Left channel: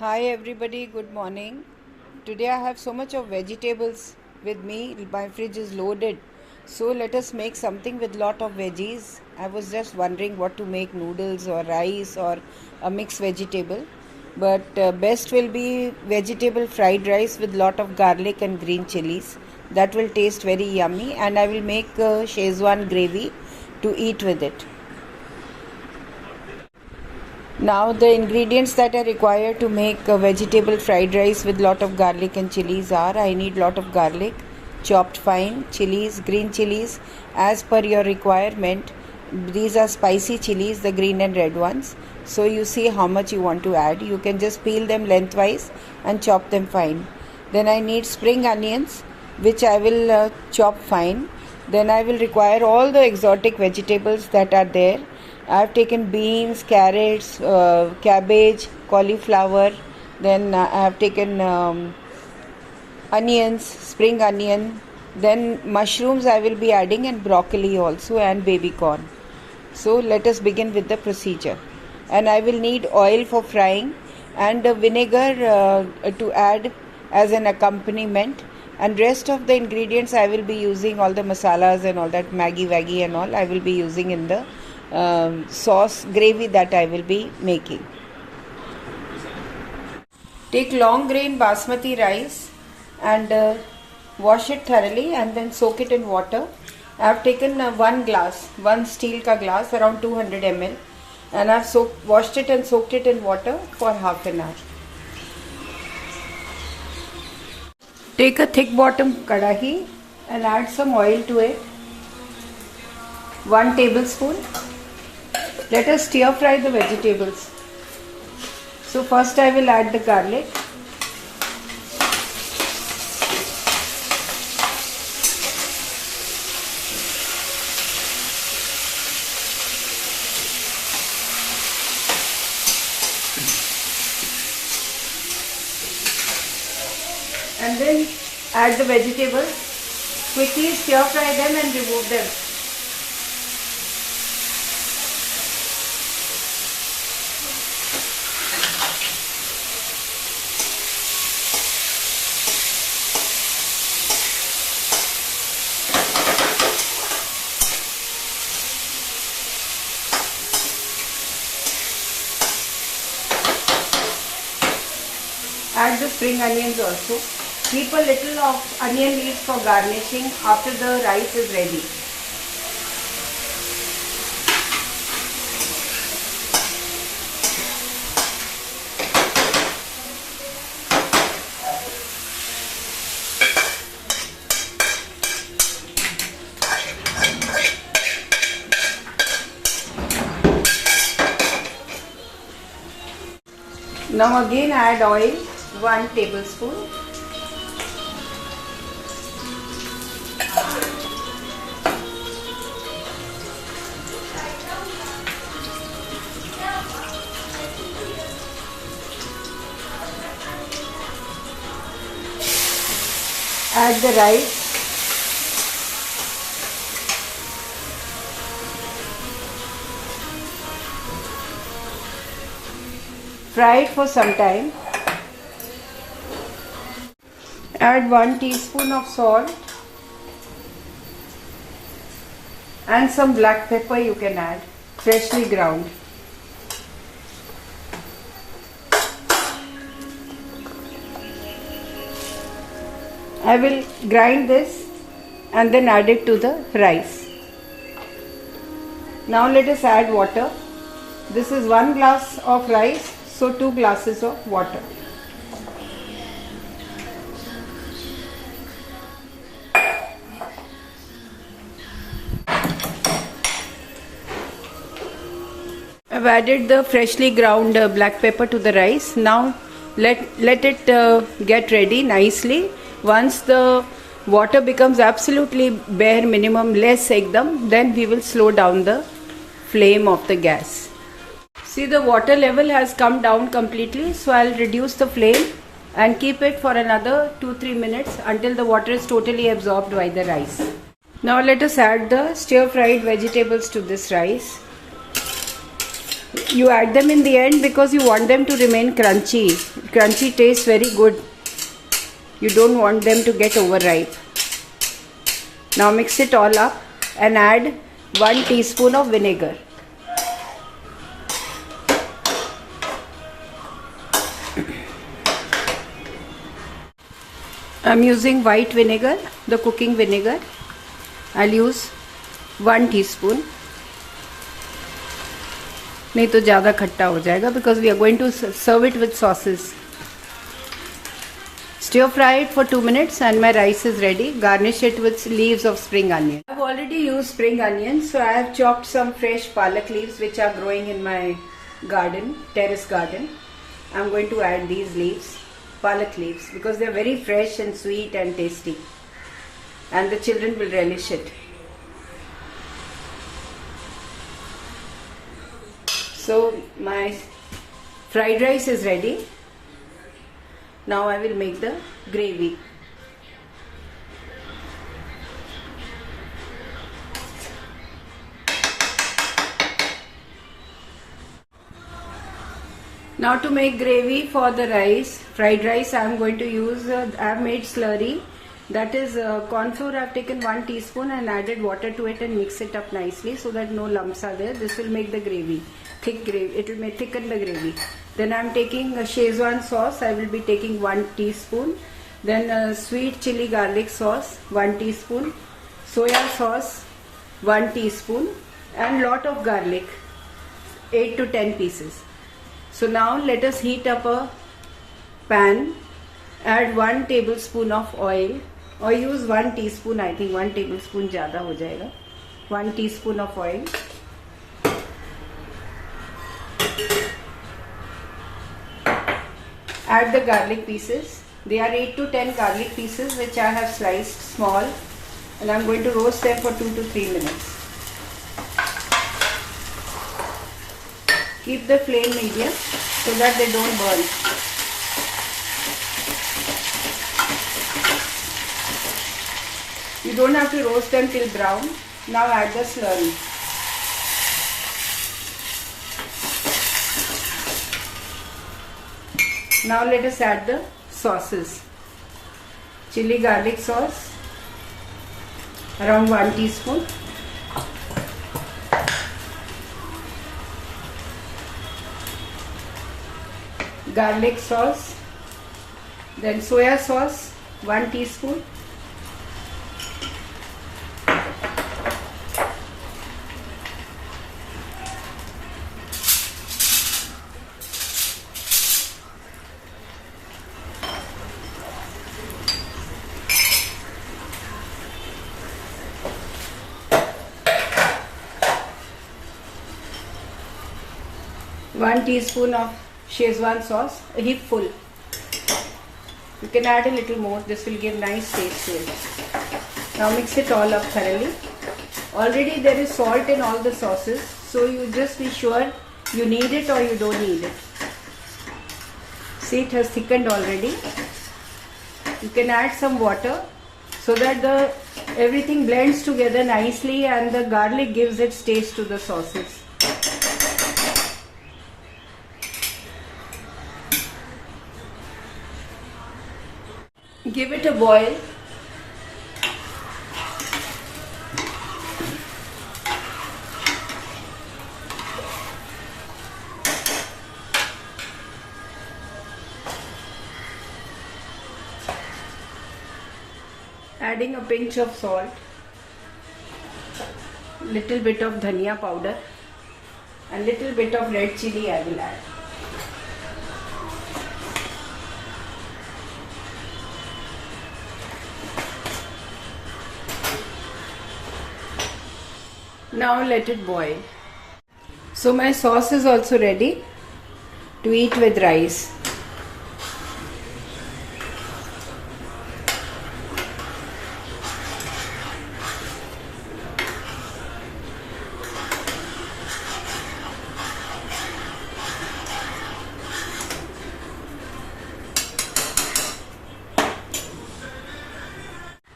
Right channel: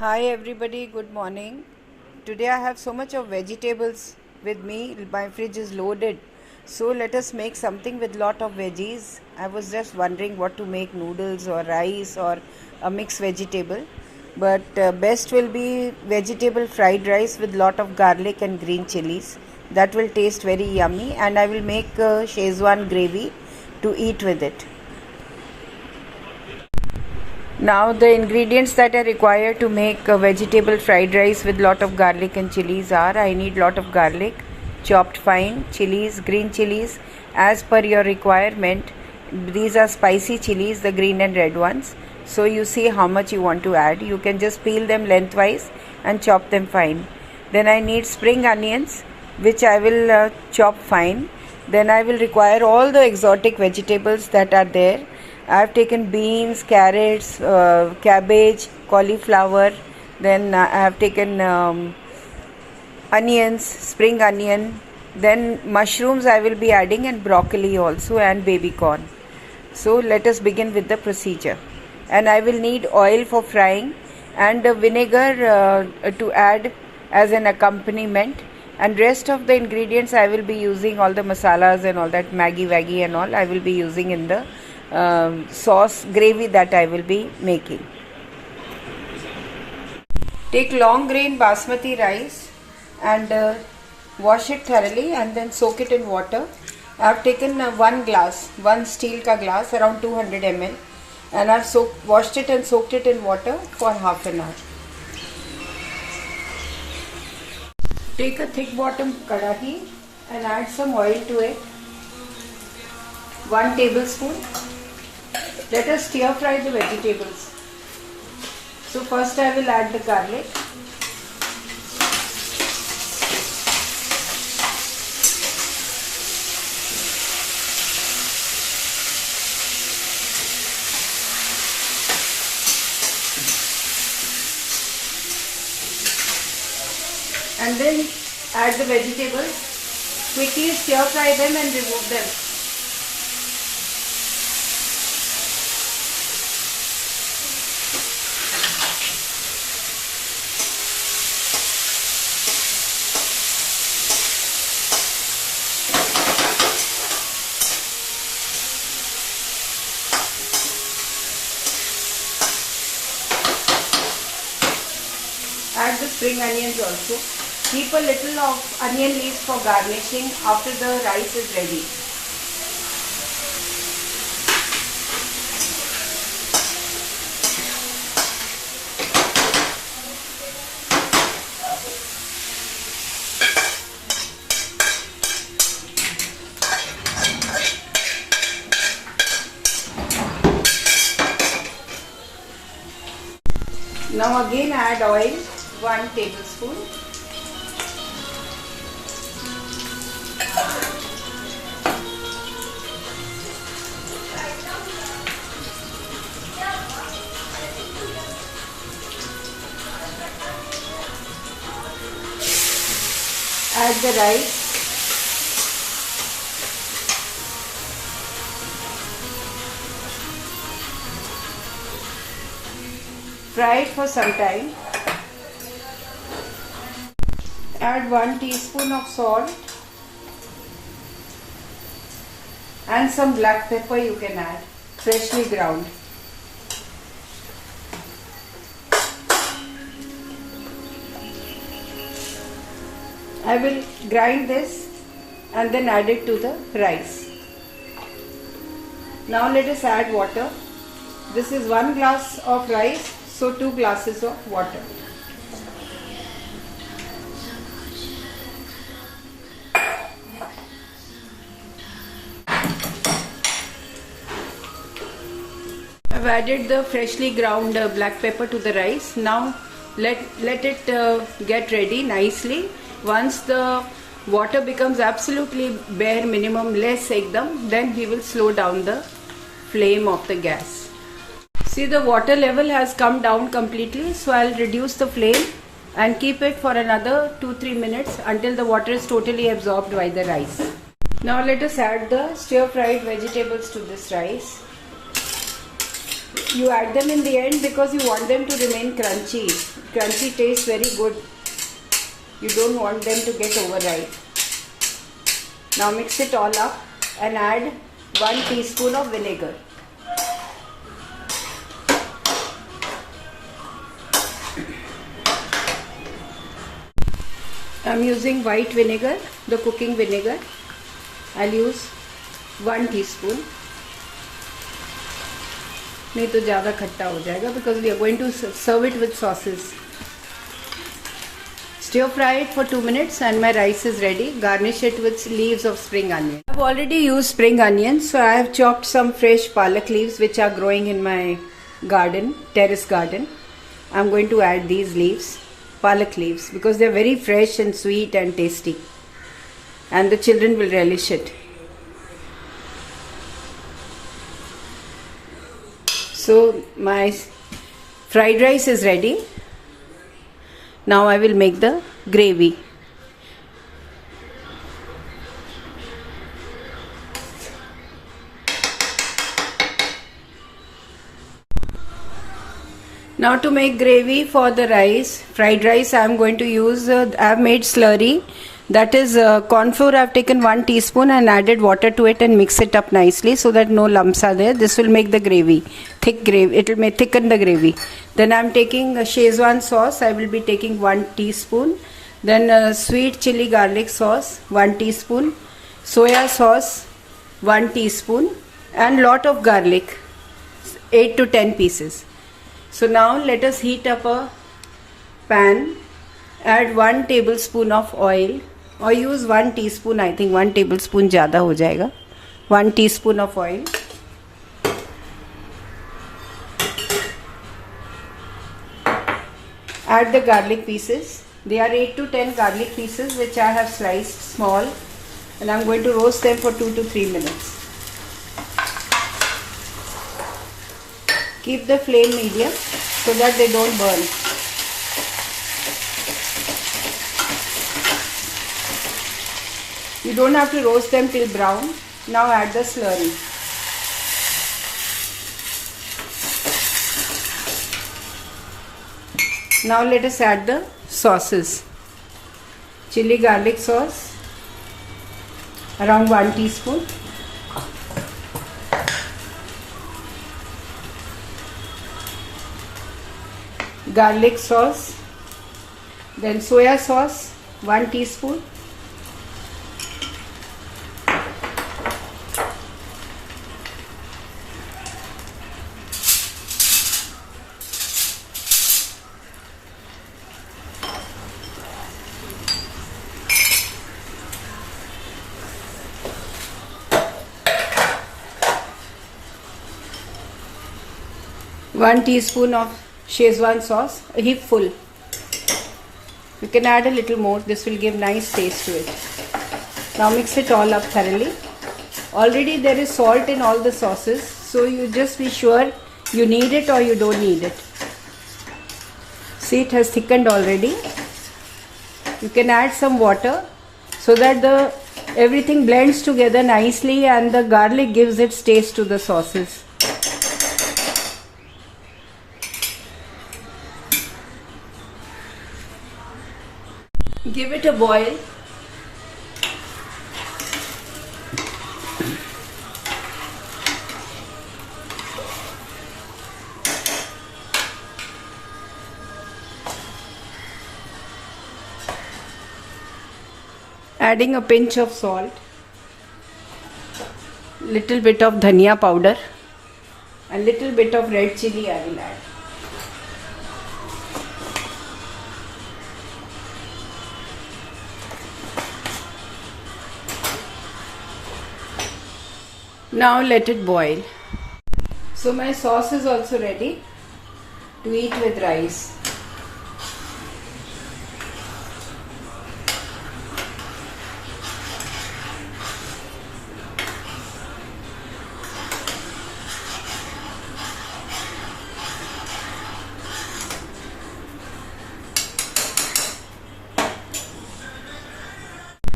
Hi everybody, good morning. Today I have so much of vegetables with me. My fridge is loaded. So let us make something with lot of veggies. I was just wondering what to make, noodles or rice or a mixed vegetable. But best will be vegetable fried rice with lot of garlic and green chilies. That will taste very yummy, and I will make Szechuan gravy to eat with it. Now the ingredients that are required to make a vegetable fried rice with lot of garlic and chilies are: I need lot of garlic chopped fine, chilies, green chilies as per your requirement. These are spicy chilies, the green and red ones. So you see how much you want to add. You can just peel them lengthwise and chop them fine. Then I need spring onions, which I will chop fine. Then I will require all the exotic vegetables that are there. I have taken beans, carrots, cabbage, cauliflower. Then I have taken onions, spring onion. Then mushrooms I will be adding, and broccoli also, and baby corn. So let us begin with the procedure. And I will need oil for frying, and vinegar to add as an accompaniment. And rest of the ingredients I will be using, all the masalas and all that, Maggi Waggi and all, I will be using in the sauce gravy that I will be making. Take long grain basmati rice and wash it thoroughly and then soak it in water. I have taken one steel ka glass, around 200 ml, and I have washed it and soaked it in water for half an hour. Take a thick bottom kadahi and add some oil to it. 1 tablespoon. Let us stir fry the vegetables. So first I will add the garlic. And then add the vegetables. Quickly stir fry them and remove them. Add the spring onions also. Keep a little of onion leaves for garnishing after the rice is ready. Now again add oil, 1 tablespoon. Add the rice. Fry it for some time. Add 1 teaspoon of salt and some black pepper you can add, freshly ground. I will grind this and then add it to the rice. Now let us add water. This is 1 glass of rice, so 2 glasses of water. I've added the freshly ground black pepper to the rice. Now let it get ready nicely. Once the water becomes absolutely bare minimum, less ekdam, then we will slow down the flame of the gas. See, the water level has come down completely, so I'll reduce the flame and keep it for another 2-3 minutes until the water is totally absorbed by the rice. Now let us add the stir fried vegetables to this rice. You add them in the end because you want them to remain crunchy. Crunchy tastes very good. You don't want them to get overripe. Now mix it all up and add 1 teaspoon of vinegar. I'm using white vinegar, the cooking vinegar. I'll use 1 teaspoon. नहीं तो ज़्यादा खट्टा हो जाएगा because we are going to serve it with sauces. Stir fry it for 2 minutes and my rice is ready. Garnish it with leaves of spring onion. I've already used spring onions, so I have chopped some fresh palak leaves which are growing in my garden, terrace garden. I'm going to add these leaves, palak leaves, because they're very fresh and sweet and tasty. And the children will relish it. So my fried rice is ready. Now I will make the gravy. Now to make gravy for the rice, fried rice, I am going to use, I have made slurry. That is corn flour. I have taken 1 teaspoon and added water to it and mix it up nicely so that no lumps are there. This will make the gravy, thick gravy. It will thicken the gravy. Then I am taking a Szechuan sauce. I will be taking 1 teaspoon. Then sweet chili garlic sauce, 1 teaspoon. Soya sauce, 1 teaspoon. And lot of garlic, 8 to 10 pieces. So now let us heat up a pan. Add 1 tablespoon of oil. Or use 1 teaspoon. I think 1 tablespoon ज़्यादा हो जाएगा. 1 teaspoon of oil. Add the garlic pieces. They are 8 to 10 garlic pieces which I have sliced small, and I am going to roast them for 2 to 3 minutes. Keep the flame medium so that they don't burn. You don't have to roast them till brown. Now add the slurry. Now let us add the sauces. Chili garlic sauce, around 1 teaspoon. Garlic sauce. Then soya sauce, 1 teaspoon. One teaspoon of Szechuan sauce, a heap full. You can add a little more. This will give nice taste to it. Now mix it all up thoroughly. Already there is salt in all the sauces, so you just be sure you need it or you don't need it. See, it has thickened already. You can add some water so that everything blends together nicely and the garlic gives its taste to the sauces. Give it a boil. Adding a pinch of salt, little bit of dhania powder, and little bit of red chili I will add. Now let it boil. So my sauce is also ready to eat with rice.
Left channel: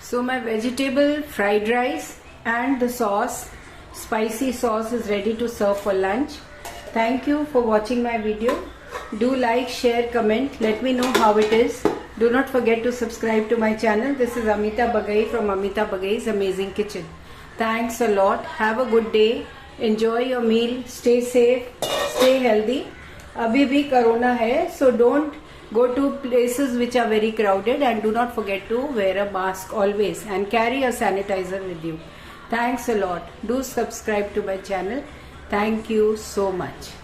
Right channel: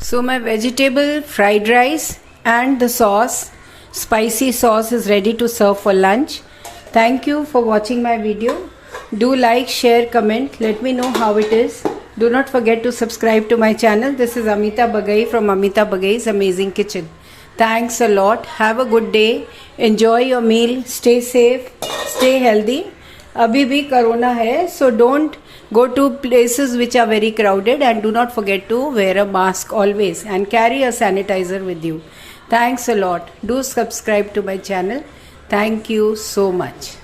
So my vegetable fried rice and the sauce, spicy sauce, is ready to serve for lunch. Thank you for watching my video. Do like, share, comment. Let me know how it is. Do not forget to subscribe to my channel. This is Amita Bagai from Amita Bagai's Amazing Kitchen. Thanks a lot. Have a good day. Enjoy your meal. Stay safe. Stay healthy. अभी भी corona है, so don't go to places which are very crowded, and do not forget to wear a mask always and carry a sanitizer with you. Thanks a lot. Do subscribe to my channel. Thank you so much.